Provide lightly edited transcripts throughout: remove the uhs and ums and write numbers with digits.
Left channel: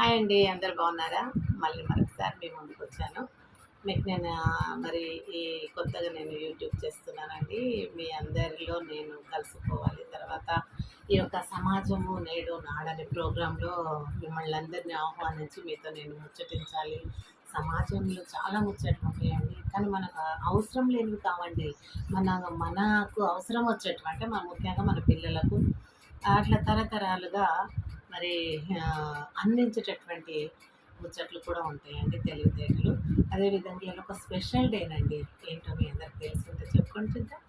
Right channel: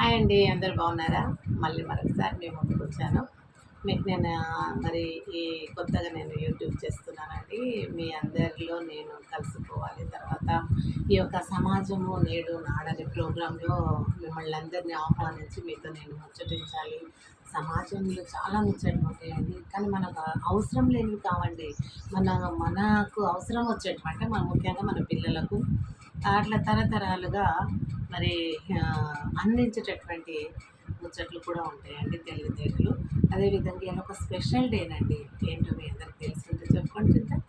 Hi అండి, అందరు బాగున్నారా? మళ్ళీ మరొకసారి మీ ముందుకు వచ్చాను. మీకు నేను మరి ఈ కొత్తగా నేను యూట్యూబ్ చేస్తున్నానండి. మీ అందరిలో నేను కలిసిపోవాలి. తర్వాత ఈ యొక్క సమాజము నేడు నాడని ప్రోగ్రాంలో మిమ్మల్ని అందరినీ ఆహ్వానించి మీతో నేను ముచ్చటించాలి. సమాజంలో చాలా ముచ్చట్లు ఉంటాయండి, కానీ మనకు అవసరం లేనివి కావండి. మనకు అవసరం వచ్చేటివి అంటే ముఖ్యంగా మన పిల్లలకు అట్లా తరతరాలుగా మరి అందించేటటువంటి ముచ్చట్లు కూడా ఉంటాయండి, తెలివితేటలు. అదేవిధంగా ఇలా ఒక స్పెషల్ డేనండి. ఏంటో మీ అందరికి తెలిసింటే చెప్పుకొని చూద్దాం.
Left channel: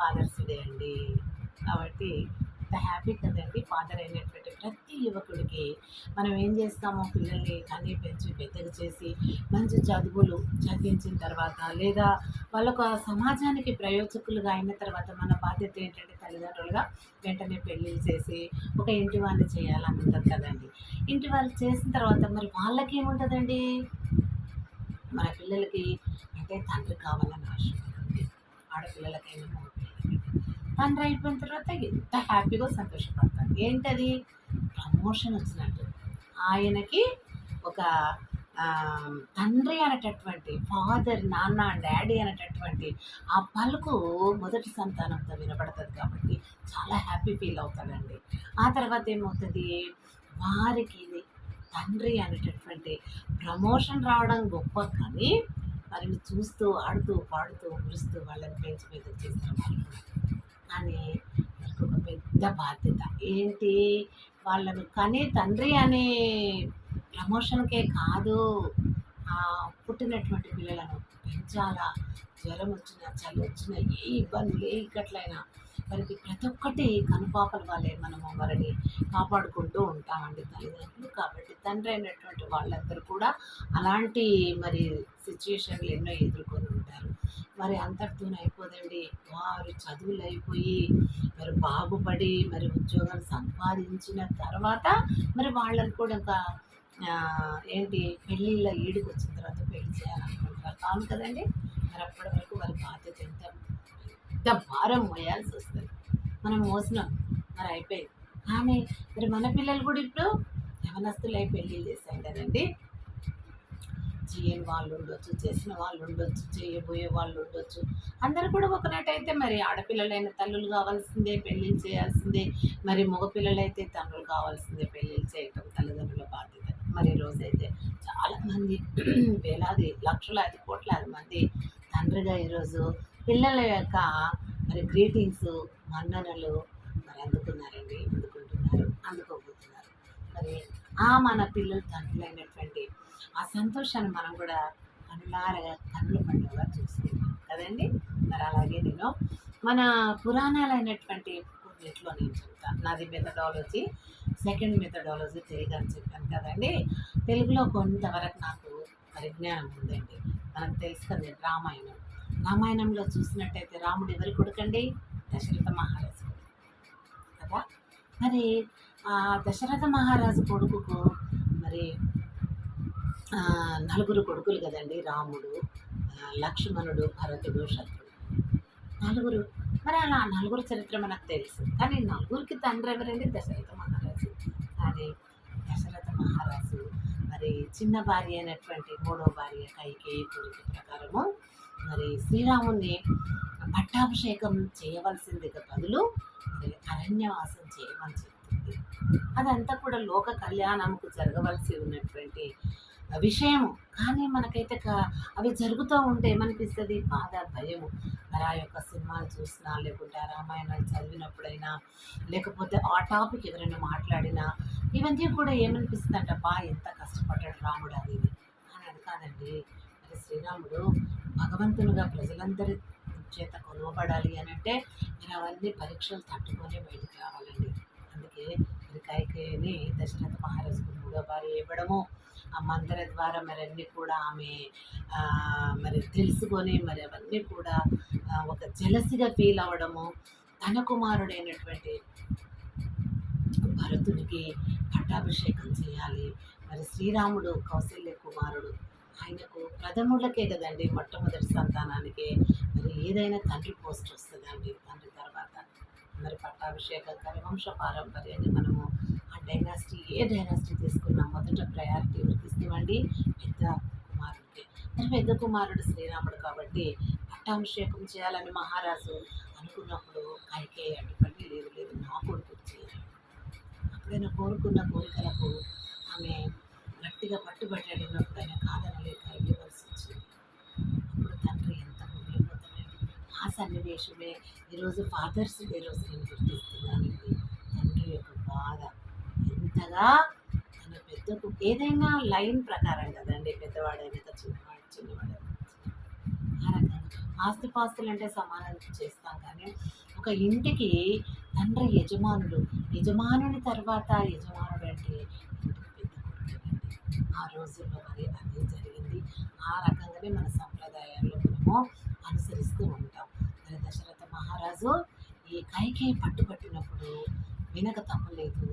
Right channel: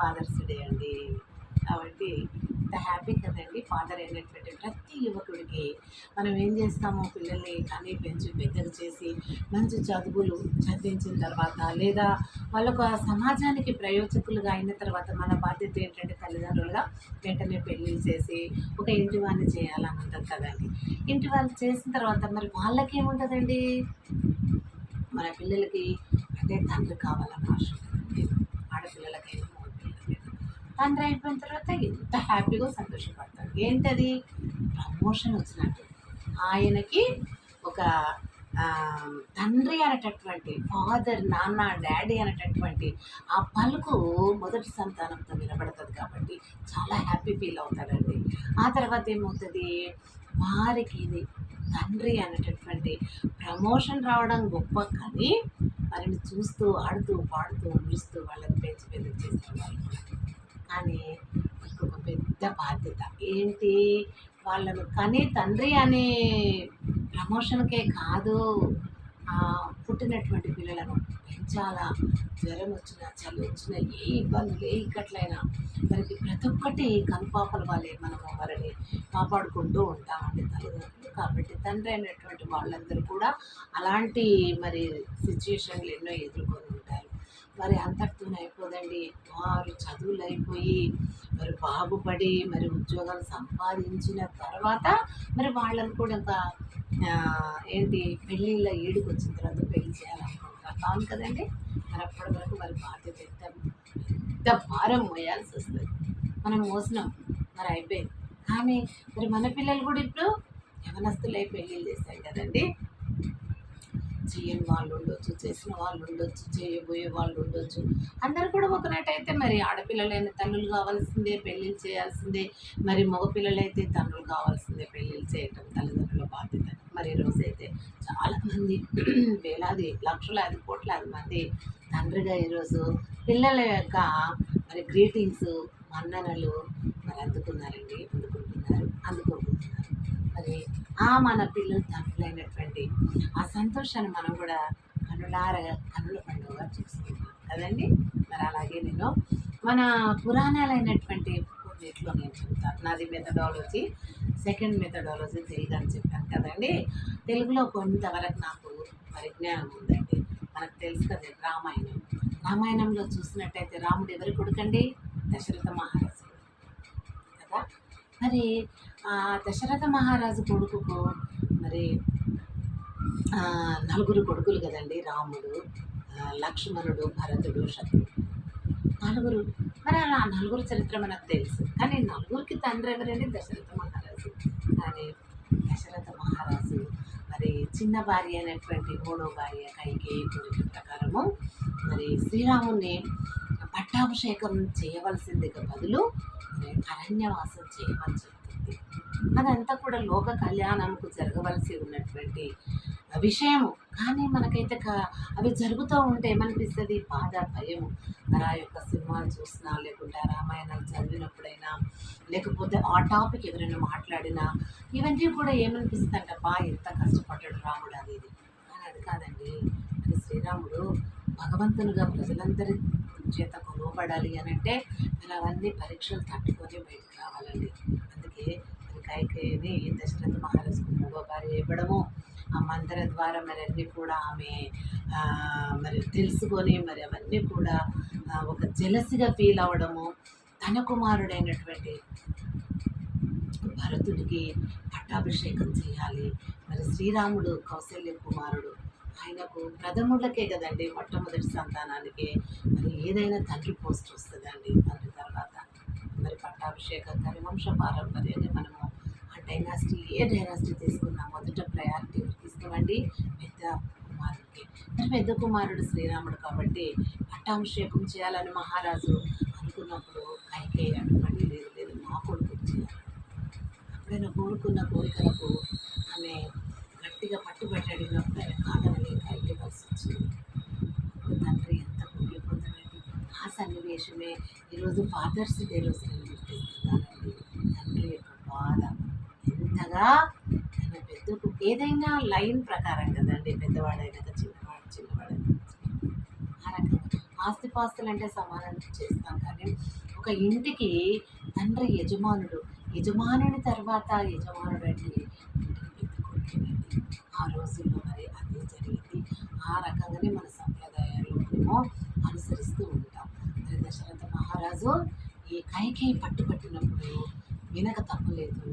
ఫాదర్స్ డే అండి. కాబట్టి ఇంత హ్యాపీ కదండి. ఫాదర్ అయినటువంటి ప్రతి యువకుడికి మనం ఏం చేస్తామో పిల్లల్ని కనీ పెంచి పెద్దగా చేసి మంచి చదువులు చదివించిన తర్వాత, లేదా వాళ్ళొక సమాజానికి ప్రయోజకులుగా అయిన తర్వాత మన బాధ్యత ఏంటంటే తల్లిదండ్రులుగా వెంటనే పెళ్ళిళ్ళు చేసి ఒక ఇంటి వాళ్ళని చేయాలని ఉంటుంది కదండి. ఇంటి వాళ్ళు చేసిన తర్వాత మరి వాళ్ళకేముంటుందండి, మన పిల్లలకి అంటే తండ్రి కావాలని ఆశ ఉంటుందండి. ఆడపిల్లలకైనా మగపిల్లలకైనా తండ్రి అయిపోయిన తర్వాత ఎంత హ్యాపీగా సంతోషపడతాడు. ఏంటది? ప్రమోషన్ వచ్చినట్టు. ఆయనకి ఒక తండ్రి అనేటటువంటి ఫాదర్, నాన్న, డాడీ అనేటటువంటి ఆ పలుకు మొదటి సంతానంతో వినపడుతుంది కాబట్టి చాలా హ్యాపీ ఫీల్ అవుతాడండి. ఆ తర్వాత ఏమవుతుంది, వారికి ఇది తండ్రి అనేటటువంటి ప్రమోషన్ రావడం గొప్ప, కానీ వారిని చూస్తూ ఆడుతూ పాడుతూ మురుస్తూ వాళ్ళని పెంచి పెద్ద చేస్తారు వాళ్ళు కూడా. కానీ వాళ్ళకి ఒక పెద్ద బాధ్యత ఏంటి, వాళ్ళను కని తండ్రి అనే ప్రమోషన్కే కాదు, పుట్టినటువంటి పిల్లలను పెంచాలా. జ్వరం వచ్చినా, చలి వచ్చినా, ఏ ఇబ్బందులు ఏ ఇక్కట్లయినా వారికి ప్రతి ఒక్కటి కనుపాపల వాళ్ళే మనము వారిని కాపాడుకుంటూ ఉంటామండి తల్లిదండ్రులు. కాబట్టి తండ్రి అయినటువంటి వాళ్ళందరూ కూడా అలాంటి మరి సిచ్యుయేషన్లు ఎన్నో ఎదుర్కొని ఉంటారు. మరి అంతటితోనే అయిపోదండి. వారు చదువులు అయిపోయి మరి బాగుపడి మరి ఉద్యోగాలు సంపాదించిన తర్వాత మరి వాళ్ళని కూడా ఒక ఏంటి పెళ్ళిళ్ళ ఈడుకు వచ్చిన తర్వాత పెళ్లి చేయాలనుకుంటారు, కాదు కదండి. మరి అప్పటి వరకు వారి బాధ్యత ఎంత ఎంత భారం మోయాల్సి వస్తుంది. మనం మోసినాం, మరి అయిపోయింది. కానీ మరి మన పిల్లలు కూడా ఇప్పుడు యవనస్తులై పెళ్ళిళ్ళు చేశాం కదండి. చేయని వాళ్ళు ఉండొచ్చు, చేసిన వాళ్ళు ఉండొచ్చు, చేయబోయే వాళ్ళు ఉండొచ్చు. అందరూ కూడా ఒకనట్టయితే మరి ఆడపిల్లలైన తల్లులు కావాల్సిందే, పెళ్ళిళ్ళు చేయాల్సిందే. మరి మగపిల్లలైతే తండ్రులు కావాల్సిందే, పెళ్ళిళ్ళు చేయటం తల్లిదండ్రుల బాధ్యత. మరి ఈరోజైతే చాలామంది వేలాది లక్షలాది కోట్లాది మంది తండ్రిగా ఈరోజు పిల్లల యొక్క మరి గ్రీటింగ్స్, మన్ననలు మరి అందుకోబోతున్నారు. మరి మన పిల్లలు తండ్రులైనటువంటి ఆ సంతోషాన్ని మనం కూడా కనుల పండుగగా చూసుకుంటాం కదండి. మరి అలాగే నేను మన పురాణాలైనటువంటి కొన్నిట్లో నేను చెప్తాను. నాది మెథడాలజీ, సెకండ్ మెథడాలజీ తెలుగు అని చెప్పాను కదండి. తెలుగులో కొంతవరకు నాకు పరిజ్ఞానం ఉందండి. మనకు తెలుసు కదా, రామాయణంలో చూసినట్టయితే రాముడు ఎవరి కొడుకండి? దశరథ మహారాజు కదా. మరి దశరథ మహారాజు కొడుకుకు మరి నలుగురు కొడుకులు కదండి. రాముడు, లక్ష్మణుడు, భరతుడు, శత్రుడు, నలుగురు. మరి అలా నలుగురు చరిత్ర మనకు తెలుసు, కానీ నలుగురికి తండ్రి ఎవరండి? దశరథ మహారాజు. కానీ దశరథ మహారాజు మరి చిన్న భార్య అయినటువంటి మూడో భార్య కైకేయి కోరిక ప్రకారము మరి శ్రీరాముని పట్టాభిషేకం చేయవలసిందిగా బదులు మరి అరణ్యవాసం చేయమని చెప్తుంది. అదంతా కూడా లోక కళ్యాణంకు జరగవలసి ఉన్నటువంటి విషయము. కానీ మనకైతే అవి జరుగుతూ ఉంటే ఏమనిపిస్తుంది? బాధ, భయము. మరి ఆ యొక్క సినిమాలు చూసినా, లేకుంటే ఆ రామాయణాలు చదివినప్పుడైనా, లేకపోతే ఆ టాపిక్ ఎవరైనా మాట్లాడినా ఇవన్నీ కూడా ఏమనిపిస్తుంది అంటే, ఎంత కష్టపడ్డాడు రాముడు అది ఇది. కానీ అది కాదండి. మరి శ్రీరాముడు భగవంతునిగా ప్రజలందరి చేత కొలవబడాలి అని అంటే మరి అవన్నీ పరీక్షలు తట్టుకొని బయటకు రావాలండి. అందుకే మరి కైకేయిని దశరథ మహారాజుకు మూడో భార్య ఇవ్వడము, ఆ మందిర ద్వారా మరి అన్నీ కూడా ఆమె మరి తెలుసుకొని మరి అవన్నీ కూడా ఒక జలసిగా ఫీల్ అవ్వడము, తన కుమారుడైనటువంటి భరతుడికి పట్టాభిషేకం చేయాలి. మరి శ్రీరాముడు కౌశల్య కుమారుడు, ఆయనకు ప్రథములకే కదండి, మొట్టమొదటి సంతానానికి మరి ఏదైనా తండ్రి పోస్ట్ వస్తుందండి. తండ్రి తర్వాత మరి పట్టాభిషేకం కానీ వంశ పారంపర్యాన్ని మనము ఆ డైనాసిటీ ఏ డైనాసిటీ తీసుకున్నా మొదట ప్రయారిటీ ఎవరికి ఇస్తామండి? పెద్ద కుమారుడికి. మరి పెద్ద కుమారుడు శ్రీరాముడు కాబట్టి పట్టాభిషేకం చేయాలని మహారాజు అనుకున్నప్పుడు కైకేయి అడ్డుపడి లేదు లేదు నా కొడుకు చేయాలి. అప్పుడైనా కోరుకున్న కోరికలకు ఆమె గట్టిగా పట్టుబట్టి అడిగినప్పుడు ఆయన కాదనలేక ఇవ్వవలసి వచ్చింది. అప్పుడు తండ్రి ఎంత కుంగిపోతాడండి. ఆ సన్నివేశమే ఈరోజు ఫాదర్స్ డే రోజు నేను గుర్తిస్తున్నానండి. తండ్రి యొక్క బాధ ఎంతగా తన పెద్దకు ఏదైనా లైన్ ప్రకారం కదండి, పెద్దవాడైనాక చిన్నవాడు చిన్నవాడైనా ఆ రకంగా ఆస్తిపాస్తులు అంటే సమానం చేస్తాం, కానీ ఒక ఇంటికి తండ్రి యజమానుడు, యజమానుని తర్వాత యజమానుడు అంటే ఇంటికి పెద్ద కొడుకేనండి. ఆ రోజుల్లో మరి అదే జరిగింది. ఆ రకంగానే మన సంప్రదాయాల్లో మనము అనుసరిస్తూ ఉంటాం. మరి దశరథ మహారాజు ఈ కైకేయి పట్టుబట్టినప్పుడు వినక తప్పలేదు.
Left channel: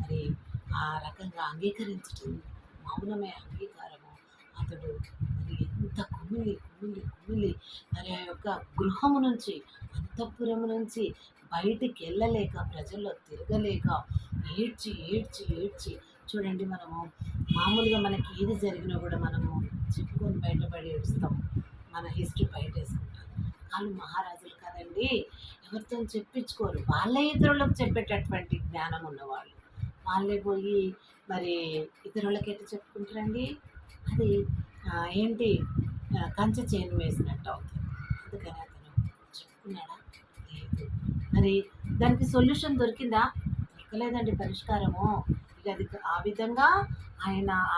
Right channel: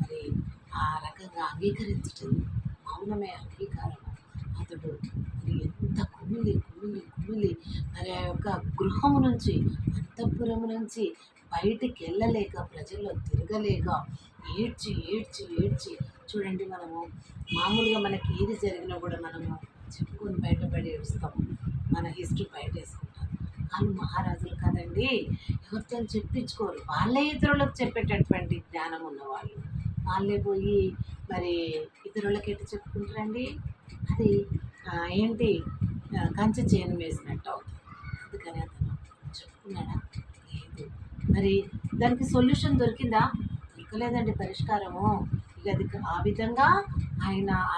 మరి ఆ రకంగా అంగీకరించటం మౌనమే అంగీకారము. అతడు మరి ఎంత కుమిలి కుమిలి కుమిలి మరి ఆ యొక్క గృహము నుంచి, అంతఃపురము నుంచి బయటికి వెళ్ళలేక, ప్రజల్లో తిరగలేక ఏడ్చి ఏడ్చి ఏడ్చి చూడండి, మనము మామూలుగా మనకి ఏది జరిగినా కూడా మనము చెప్పుకొని బయటపడి ఏడుస్తాము, మన హిస్టరీ బయట వేసుకుంటాం. వాళ్ళు మహారాజులు కదండి, ఎవరితో చెప్పించుకోరు. వాళ్ళే ఇతరులకు చెప్పేటటువంటి జ్ఞానం ఉన్నవాళ్ళు. వాళ్ళే పోయి మరి ఇతరులకి ఎట్లా చెప్పుకుంటారండి? అది ఏంటి, కంచె చేను వేసినట్టు అవుతుంది. అందుకని అతను చెప్పుకున్నాడా? లేదు. మరి దానికి సొల్యూషన్ దొరికిందా? దొరకలేదండి పరిష్కారము. ఇక అది ఆ విధంగా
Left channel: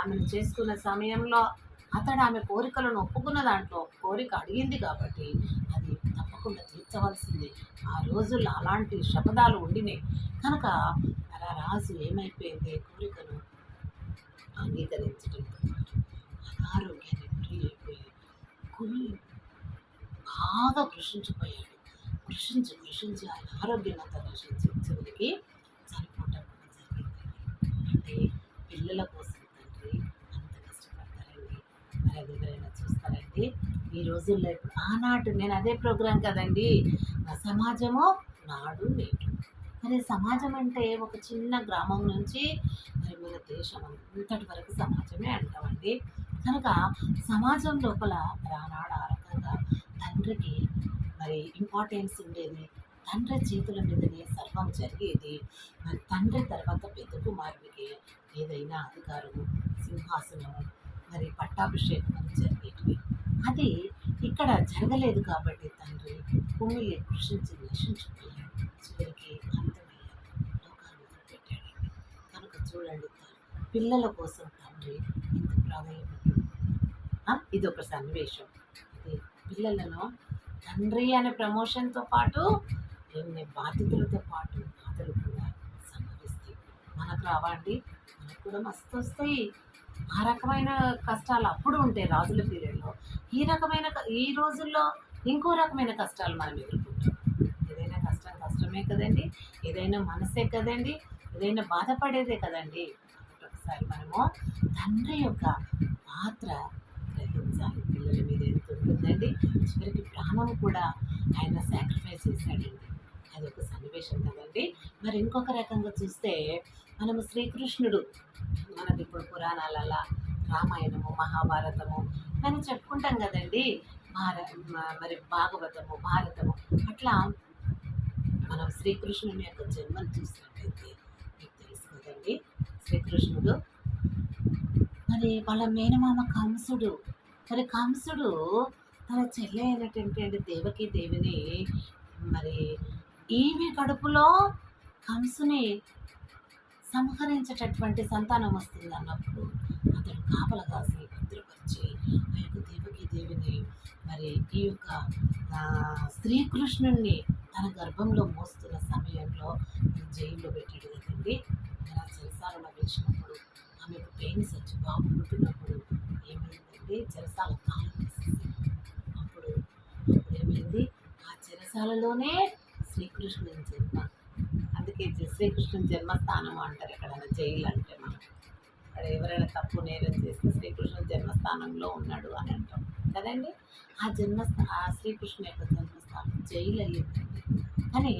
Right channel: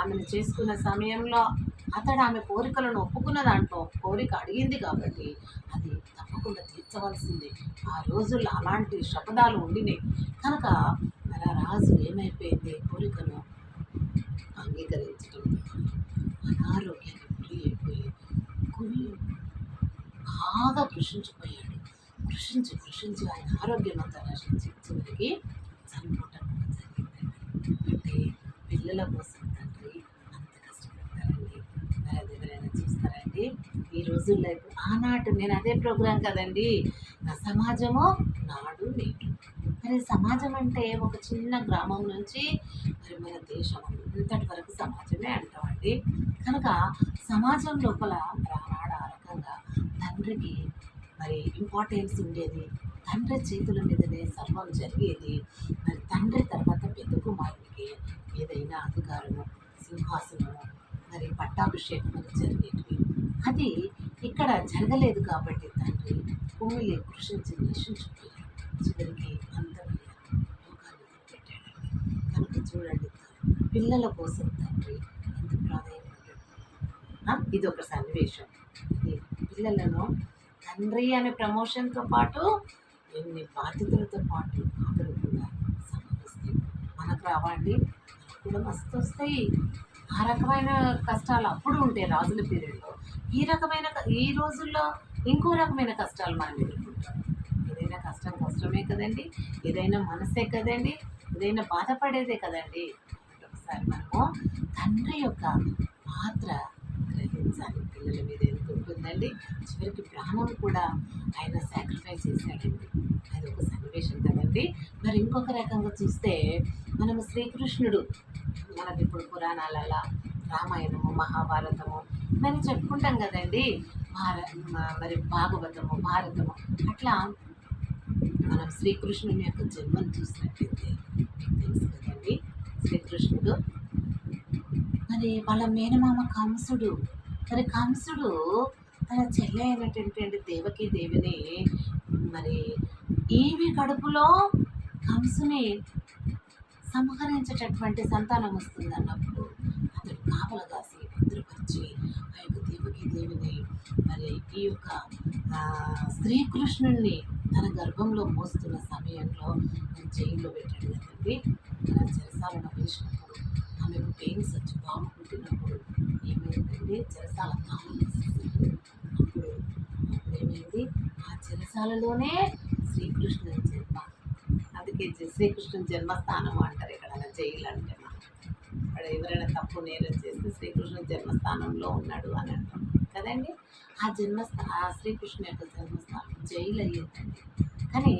ఆమెను చేసుకున్న సమయంలో అతడు ఆమె కోరికలను ఒప్పుకున్న దాంట్లో కోరిక అడిగింది కాబట్టి అది తప్పకుండా తీర్చవలసిందే. ఆ రోజుల్లో అలాంటి శపథాలు ఉండినాయి కనుక మరి ఆ రాజు ఏమైపోయింది, కోరికను అంగీకరించడంతో పాటు అనారోగ్యాన్ని గురి అయిపోయి గురి బాగా కృషించిపోయాడు. కృషించి కృషించి ఆయన ఆరోగ్యం అంతా నశించి చివరికి చనిపోవటం కూడా జరిగిందండి. అంటే పిల్లల కోసం తండ్రి అంత కష్టపడతారండి. మరి అది ఎవరైనా చూస్తారండి ఈ రోజుల్లో? ఇప్పుడు ఆనాటి నేను అదే ప్రోగ్రాం కదండి, నా సమాజము నాడు నేడు. మరి సమాజం అంటే ఒక చిన్న గ్రామం నుంచి మరి మన దేశం అంతటి వరకు సమాజమే అంటామండి. కనుక సమాజం లోపల మరి ఆనాడు ఆ రకంగా తండ్రికి మరి ఇంపార్టెన్స్ ఉండేది. తండ్రి చేతుల మీదనే సర్వం జరిగేది. మరి తండ్రి తర్వాత పెద్ద కుమారుడికి ఏదైనా అధికారము, సింహాసనము, మరి పట్టాభిషేకం అని జరిగేటివి. అది ఇక్కడ జరగలేదు కాబట్టి తండ్రి కుమిలి కృషించి నశించిపోయాడు. చివరికి అంతమయ్యాడు, లోకాన్ని వదిలిపెట్టాడండి. కనుక చూడండి, పిల్లల కోసం తండ్రి ఎంత ప్రాధాన్యపడ్డాడు. ఇది ఒక సన్నివేశం. ఇది పిల్లలను తండ్రి అనే ప్రమోషన్తో పాటు ఎన్ని బాధ్యతలతో పాటు బాధలు కూడా సంభవిస్తాయి. మనకు రావండి, మనకు కూడా మస్తు వస్తాయి. ఆ రకమైన కష్టాలు అప్పుడు ఉంటాయి రాజుల పీరియడ్లో. ఈ రోజుల్లో ఇంకో రకమైన కష్టాలు మనం ఎదుర్కొంటాం. ఏదైనా కష్టం కష్టమే కదండి, ఏదైనా మనసే కదండి, ఏదైనా బాధపడేదే కదండి. ఒకసారి మనము తండ్రి యొక్క పాత్ర గ్రహించాలి. పిల్లల మీద ఎంత ఉంటుందండి, చివరికి ప్రాణం కూడా ఆయన సాక్రిఫైస్ చేశాడండి. అది ఒక సన్నివేశం కదండి. మరి ఇంకొక రకంగా చూస్తే మనము శ్రీకృష్ణుడు, మనకి ఇప్పుడు పురాణాలలో రామాయణము, మహాభారతము ఇవన్నీ చెప్పుకుంటాం కదండి. మరి భాగవతము, భారతము, అట్లా మనం శ్రీకృష్ణుని యొక్క జన్మను చూసినట్లయితే మీకు తెలుసు కదండి, శ్రీకృష్ణుడు మరి వాళ్ళ మేనమామ కంసుడు. మరి కంసుడు తన చెల్లె అయినటువంటి దేవకి దేవిని మరి ఈమె కడుపులో కంసుని సంహరించేటటువంటి సంతానం వస్తుంది అన్నప్పుడు అతడు కాపలా కాసి భద్రపరిచి ఆ యొక్క దేవకి దేవిని మరి ఈ యొక్క శ్రీకృష్ణుణ్ణి తన గర్భంలో మోస్తున్న సమయంలో జైల్లో పెట్టాడు కదండి. అలా చెరసాలను వేసినప్పుడు ఆమెకు పెయిన్స్ వచ్చి బాబు పుట్టినప్పుడు ఏమైందండి, చెరసాల తాళం వేసేసాడు. అప్పుడు ఏమైంది, ఆ చెరసాలలోనే శ్రీకృష్ణుని జన్మ. అందుకే శ్రీకృష్ణుని జన్మస్థానం అంటారు ఎక్కడైనా జైలు అంటే. మనం అక్కడ ఎవరైనా తప్పు నేరం చేస్తే శ్రీకృష్ణుని జన్మస్థానంలో ఉన్నాడు అని అంటాం కదండి. ఆ శ్రీకృష్ణు యొక్క జన్మస్థానం జైలు అయ్యిందండి. కానీ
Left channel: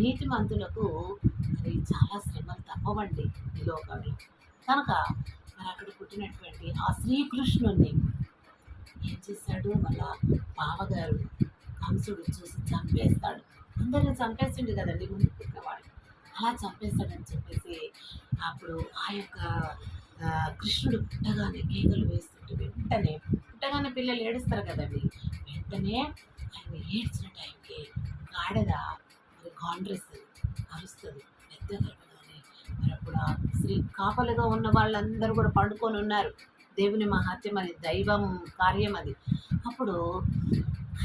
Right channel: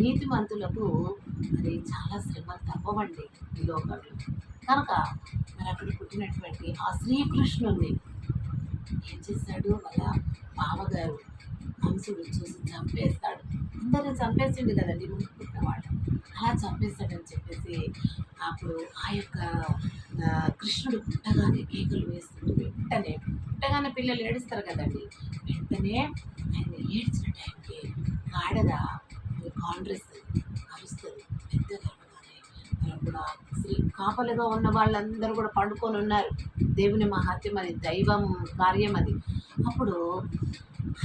నీతిమంతులకు మరి చాలా శ్రమలు తప్పవండి ఈ లోకంలో. కనుక మరి అక్కడ పుట్టినటువంటి ఆ శ్రీకృష్ణుణ్ణి ఏం చేశాడు వాళ్ళ బావగారు కంసుడు చూసి చంపేస్తాడు. అందరిని చంపేసిండు కదండి ముందు పుట్టినవాడు. అలా చంపేస్తాడని చెప్పేసి అప్పుడు ఆ యొక్క కృష్ణుడు పుట్టగానే కేకలు వేస్తుంటే వెంటనే పుట్టగానే పిల్లలు ఏడుస్తారు కదండి. వెంటనే ఆయన ఏడ్చిన టైంకి గాడిద మరి కాండ్రెస్ అరుస్తుంది పెద్దగా అరవగానే. మరి అప్పుడు ఆ కాపలిగా ఉన్న వాళ్ళందరూ కూడా పండుకొని ఉన్నారు. దేవుని మహాత్యం అది, దైవం కార్యం అది. అప్పుడు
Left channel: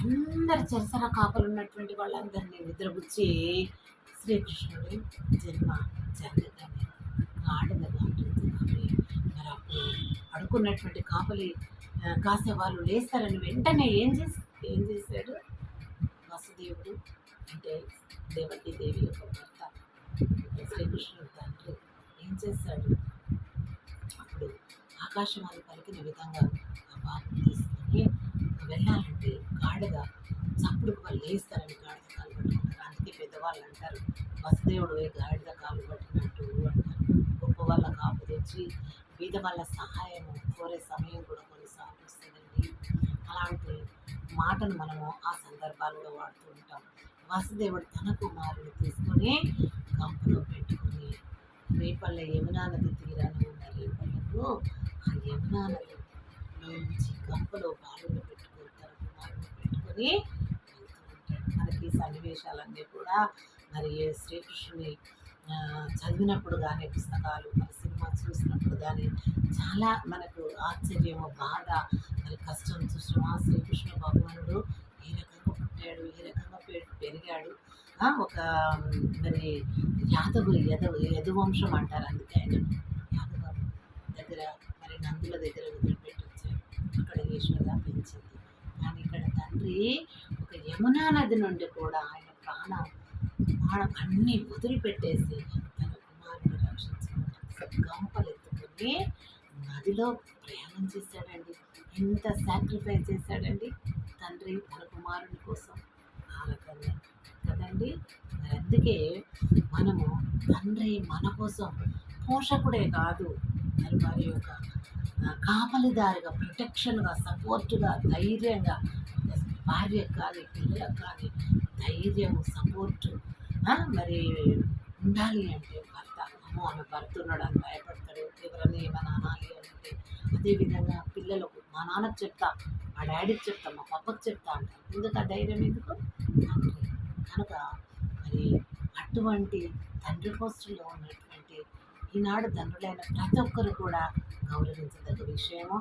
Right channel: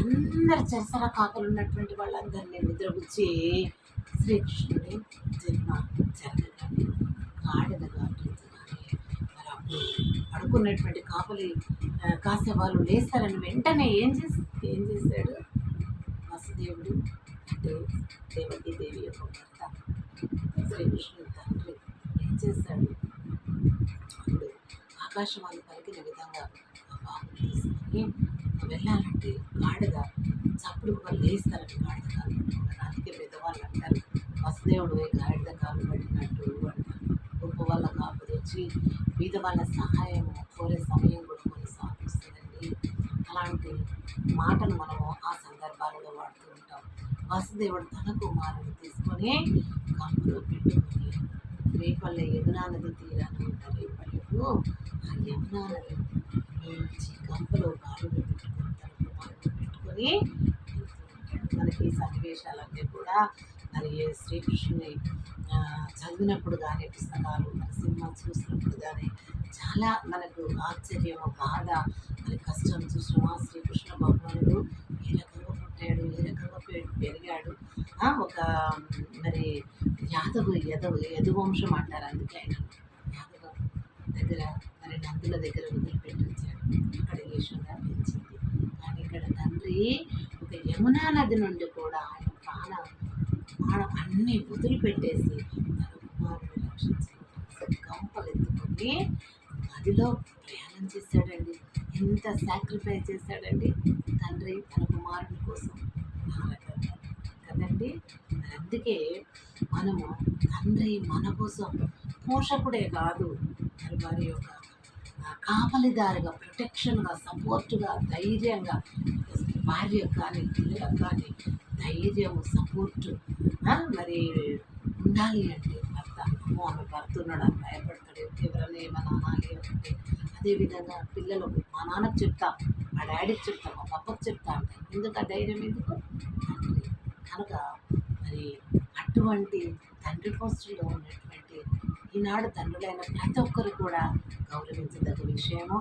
అందరు చెరసర కాపలు ఉన్నటువంటి వాళ్ళందరినీ నిద్రపుచ్చి శ్రీకృష్ణుడి జన్మ జరగగానే గాడిద గాట్రించగానే మరి అప్పుడు పడుకున్నటువంటి కాపలి కాసే వాళ్ళు లేస్తారని వెంటనే ఏం చేశాడు వసుదేవుడు, అంటే దేవకీ దేవి యొక్క భర్త శ్రీకృష్ణుడు తండ్రి ఏం చేశాడు, అప్పుడు ఆకాశవాణి పలికిన విధంగా ఆ బాబుని తీసుకొని వెళ్ళాలంటే గాడిద చప్పుడు వాళ్ళు లేస్తారని గాడిద కాలు పట్టుకున్నారు. అందుకే పెద్దవాళ్ళు అంటారు వసుదేవుడు గాడిద కాలు పట్టినట్టు అంటారు. గొప్ప వాళ్ళ కాపు తెచ్చి బీద వాళ్ళ సహాయము కోరే సమయం కూడా కొన్నిసార్లు వస్తుందండి. అలాంటి మాటను మనము ఆ సందర్భాలలో వాడుతూ ఉంటాం. వసుదేవుడు తన కుమారుని తీసుకొని గంపలో పెట్టుకొని రేపల్ల యమునా నది తీరాన ఉన్న రేపల్లకు ఆ యమునా నది నుంచి గంపలో బాలుని పెట్టుకొని తన కుమారుని పెట్టుకొని వెళ్తూ ఉంటాడు. మనకి ఈ సన్నివేశాలన్నీ కూడా మరి శ్రీకృష్ణుని చదివినప్పుడు కానీ పుస్తకాలు మరి సినిమా చూసినప్పుడు కానీ చాలా మనకు ఆశ్చర్యము, బాధ, మరి కష్టం చూసిన శ్రీకృష్ణ భగవానుడు ఏ రకంగా పుట్టాడు, ఏ రకంగా పెరిగాడు. ఒక మరి యదువంశం అంటారు. అందుకే ఆయన యాదవ దగ్గర మరి నందుల దగ్గర వదిలిపెట్టించాడు. అక్కడ యశోద పెంచింది. కానీ ఇక్కడ తండ్రి ఒక యమునా నది నుండి కూడా ఆయన ప్రాణం అన్నీ వదిలిపెట్టేసి తన కుమారుని రక్షించుకోవడానికి గంపలు ఎత్తుకొని నదిలో ప్రయాణం చేశాడండి. ఎంత సాక్రిఫైస్ చేశాడండి తండ్రి తన కుమారుని కోసం ఆ రకంగా కదండి. మరి అందుకే మనము తండ్రి మన కోసం పోషకుడే కాదు, మరి వారి యొక్క కాపలిదారిగా, ప్రొటెక్షన్గా, సపోర్టుగా, ధైర్యంగా భార్యకు కానీ పిల్లలకు కానీ ధైర్యము, సపోర్టు మరి ఉండాలి. అంటే భర్త అమ్మో ఆమె భర్త ఉన్నాడు అని భయపడతాడు, ఎవరైనా ఏమైనా అనాలి అంటే. అదేవిధంగా పిల్లలు మా నాన్నకు చెప్తా, మా డాడీకి చెప్తా, మా పప్పకి చెప్తా అంటారు. ఎందుకు ఆ ధైర్యం ఎందుకు? తండ్రి కనుక మరి అటువంటి తండ్రి పోస్టులో ఉన్నటువంటి ఈనాడు తండ్రులైన ప్రతి ఒక్కరు కూడా గౌరవించదగ్గ విషయము.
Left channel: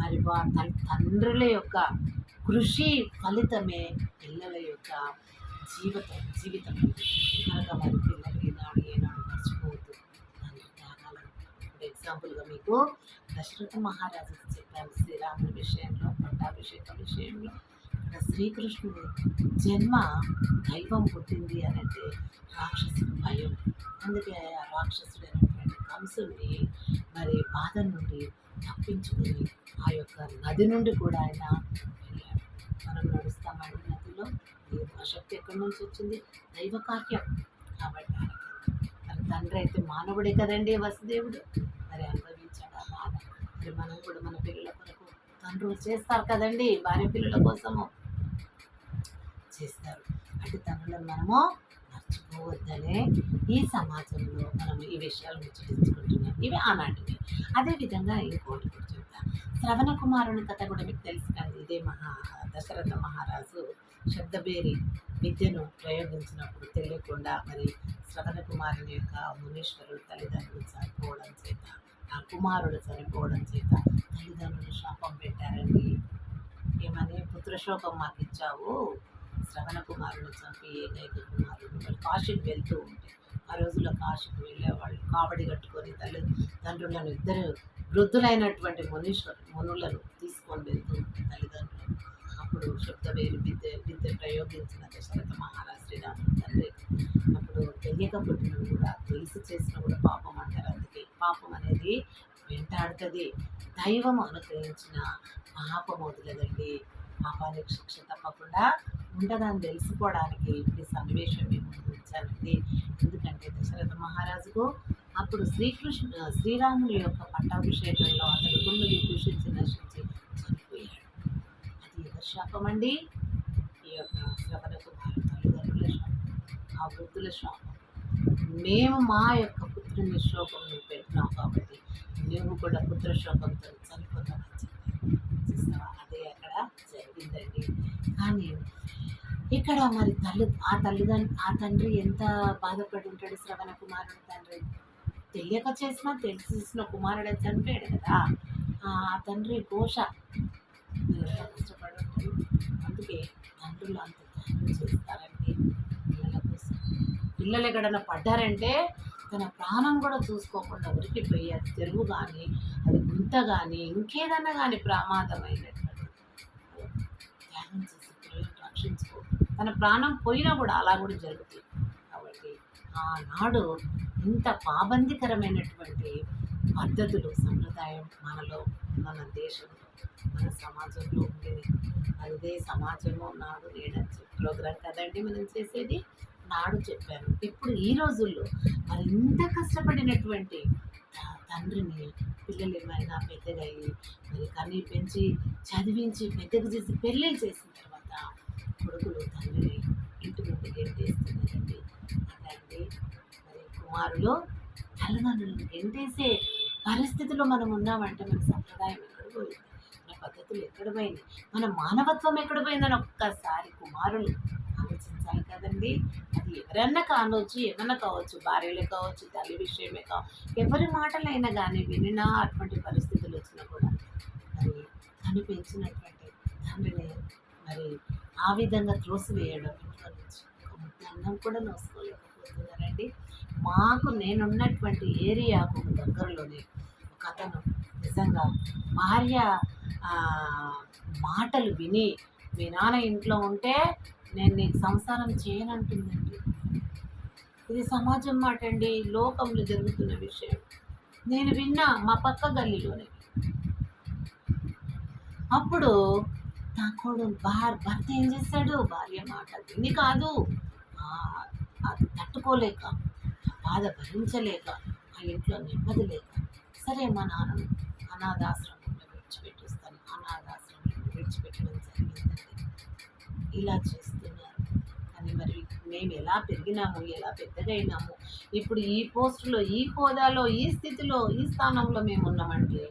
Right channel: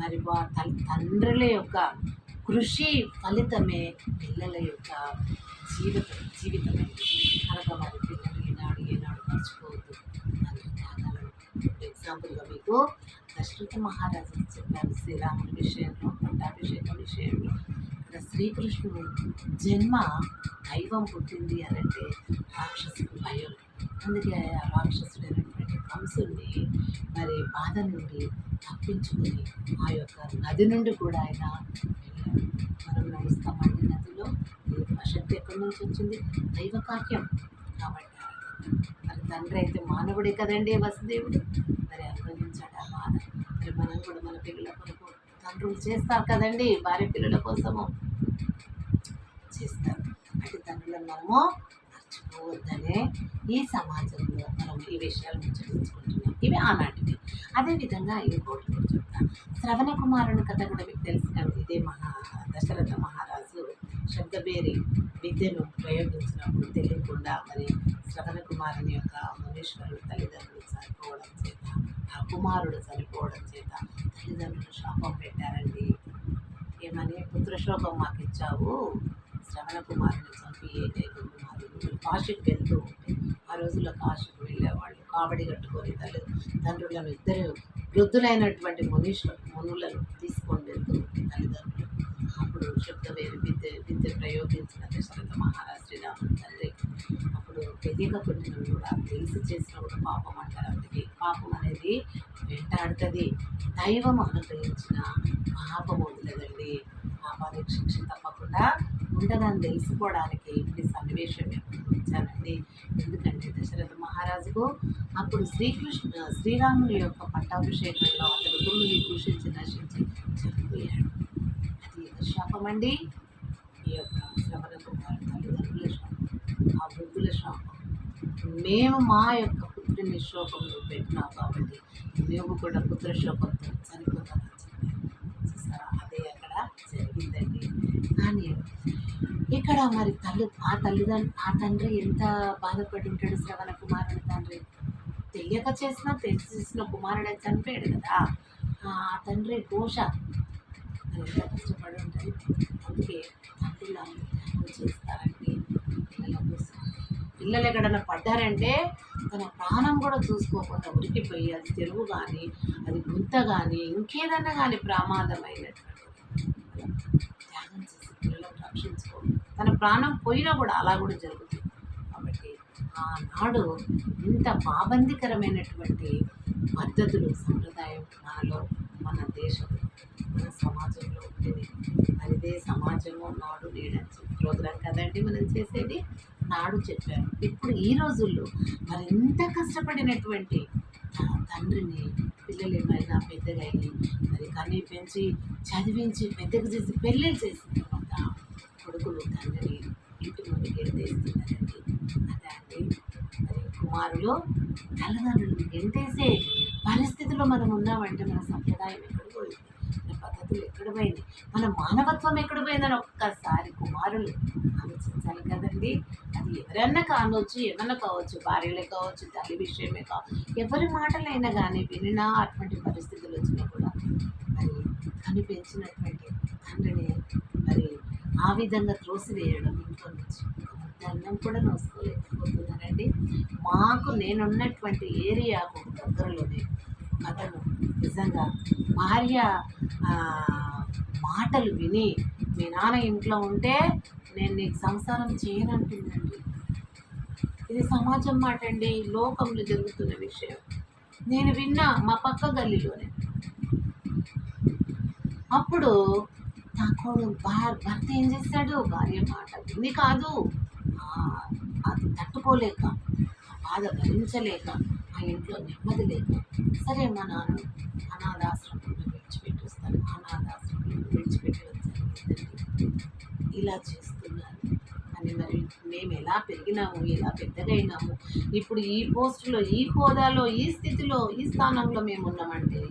మరి తండ్రుల యొక్క కృషి ఫలితమే పిల్లల యొక్క జీవితం కనుక మరి పిల్లలు ఏనాడు మర్చిపోవద్దు తండ్రి త్యాగాలను. ఎగ్జాంపుల్గా మీకు దశరథ మహారాజు చెప్పారు శ్రీరాముని విషయంలో, పట్టాభిషేకం విషయంలో. ఇక్కడ శ్రీకృష్ణుని జన్మ దైవం పుట్టింది అని అంటే రాక్షసుడు భయం. అందుకే ఆ రాక్షసుడైనటువంటి కంసుని మరి బాధ నుండి తప్పించుకొని ఆ యొక్క నది నుండి కూడా ఆయన వెళ్ళాడు. మనం నడుస్తామండి నదిలో, శక్తి ఎక్కడి నుంచి వచ్చింది? దైవ కార్యం కాబట్టి. మరి తండ్రి అయితే మానవుడే కదండి వసుదేవుడు, మరి అనుభవించాడు ఆ బాధ. మరి మనం కూడా మన పిల్లల కొరకు తండ్రులు చేస్తారు కదండి, భార్య పిల్లల కోసము చేస్తారు. అటు తండ్రులను మనము మర్చిపోవద్దనే ఈ సమాజంలో మనం ఈ విషయాలు ముచ్చటించుకుంటున్నాం. ఇవి ఆనాటివి. అదేవిధంగా ఇంకోటి కూడా చెప్తాను. శ్రవణ కుమారుని కథ కూడా మీకు తెలుసు కానీ, ఇదే దశరథ మహారాజు శబ్దబేరి విద్యను ప్రయోగించినప్పుడు తెలియకుండా మరి శ్రవణ కుమారుని యొక్క మునీశ్వరుడు తల్లిదండ్రులు చనిపోవడం చేత, ఆ కుమారుడు చనిపోవడం చేత తల్లిదండ్రులు శాపం పెట్టారండి. ఏమని? పుత్రశోకం మాకు ఇచ్చావు, శ్రవణ కుమారుని చంపి ఏకైక కుమారుడు. కాశీకి వెళ్తూ ఉంటే, ఆ రోజుల్లో కాశీకి వెళ్ళేవాళ్ళు కావడి కట్టుకొని తల్లిదండ్రులను ఇద్దరు వృద్ధులైనటువంటి మునులను తీసుకొని వెళ్తూ ఉంటే తల్లిదండ్రులు. అప్పుడు శబ్దవేరు విద్య ప్రయోగించిన దశరథ మహారాజ్ శ్రీరాముని తండ్రి. అప్పుడు తెలియక పుట్టినవి కూడా తెలిసి చేసిన కూడా పాపం అంటారు. అందుకే పాపం అనేది వెంటాడుతుంది. దైవం అనుగ్రహించిన పాపం వదిలేదండి. పాపానికి శిక్ష తప్పకుండా ఉండదని తెలుసుకోవడానికి ఈ సన్నివేశం మేము ముందు ఉంచానండి. ఎందుకంటే దశరథ మహారాజుకు అప్పుడు శ్రీరాముని యొక్క పట్టాభిషేకంలో అతడు దుమ్ముని కృషించి నశించి చనిపోయాడు. అది ఎవరి శాపమండి? ఈ యొక్క శ్రవణ కుమారు తల్లిదండ్రుల శాపం, ఆ వృద్ధుల శాపం. మేము మా యొక్క పుత్రుని శోకం నువ్వు పెట్టినావు కాబట్టి నువ్వు కూడా పుత్ర శోకంతో చనిపోతావని చెప్పారు. చూస్తావా, అదే అక్కడ జరిగిందండి. కానీ ఇక్కడ మరి ఆ తండ్రి ఎంత బాధపడి ఉంటాడు. శ్రవణ కుమారుడు తండ్రి తెలియక చేసినా తెలిసి చేసిన కుమారుడు చనిపోయాడు కదా. ఆ తండ్రి ఘోష మరి ఎంత కష్టపడి ఉంటుంది. అందుకే తండ్రులు అంత త్యాగం చేస్తారండి పిల్లల కోసం. పిల్లలు ఎక్కడన్నా పడ్డారంటే తన ప్రాణం కూడా చూసుకోకుండా ఉరికిపోయి, అది చెరువు కానీ, అది గుంత కానీ, ఇంకేదన్నా కానీ ప్రమాదమైనటువంటి త్యాగం చేసి పిల్లలను రక్షించుకో, తన ప్రాణం పోయినా కూడా అలా కూడా జరుగుతుంది. కాబట్టి ఆనాడు ఇంత పాబందికరమైనటువంటి పద్ధతులు సంప్రదాయం మనలో, మన దేశంలో, మన సమాజంలో ఉండేది. మరి ఇదే సమాజము నాడు నేడని ప్రోగ్రాం కదండి మనం చేసేది. నాడు చెప్పాను. ఇప్పుడు ఈ రోజుల్లో మరింత కష్టపడినటువంటి తండ్రిని పిల్లలు ఏమైనా పెద్దగా అయ్యి మరి కన్నీ పెంచి చదివించి పెద్దగా చేసి పెళ్ళిళ్ళు చేసిన తర్వాత కొడుకులు తండ్రిని ఇంటి నుండి గెంటేస్తున్నారండి. అదే అండి మరి కుమారులు తల్లిదండ్రులను గెంటేసే పరిస్థితిలో మనం ఉన్నామంటే మన సంప్రదాయం ఎక్కడ పోయింది, మన పద్ధతులు ఎక్కడ పోయింది, మన మానవత్వం ఎక్కడ పోయిందని ఒక్కసారి కుమారులు ఆలోచించాలి కదండి. అది ఎవరన్నా కానొచ్చు, ఏమన్నా కావచ్చు, భార్యలే కావచ్చు, తల్లి విషయమే కావచ్చు, ఎవరి మాటలైనా కానీ వినినా అటువంటి పరిస్థితులు వచ్చినా కూడా మరి కనిపించినటువంటి తండ్రిని మరి ఆ విధంగా త్రోసివేయడం ఇంట్లో నుంచి ఒక ముద్ద అన్నం కూడా నోసుకోలేకపోతున్నారండి. నేనున్నటువంటి ఏరియాకు దగ్గరలోనే ఒక అతను నిజంగా భార్య ఆ, మాటలు విని మీ నాన్న ఇంట్లో ఉంటే నేను నీకు సంసారం చేయనంటుందండి. ఇది సమాజం మాట అండి, లోకంలో జరుగుతున్న విషయం. నేను విన్నా మా పక్క గల్లీలోనే. అప్పుడు నా భర్త ఏం చేశాడు, భార్య మాట విని కాదు, ఆ, అది తట్టుకోలేక, ఆ బాధ భరించలేక, ఆ ఇంట్లో నెమ్మది లేక, సరే మా నాన్న అనాథాశ్రమంలో విడిచిపెట్టేస్తాను, అనాథాశ్రమంలో విడిచిపెట్టడం జరిగిందండి. ఇలా చేస్తున్నారు. కానీ మరి మేము ఎలా పెరిగినాము, ఎలా పెద్దగా అయినాము, ఇప్పుడు ఈ పోస్టులో, ఈ హోదాలో, ఈ స్థితిలో, ఈ స్థానంలో మేము ఉన్నామంటే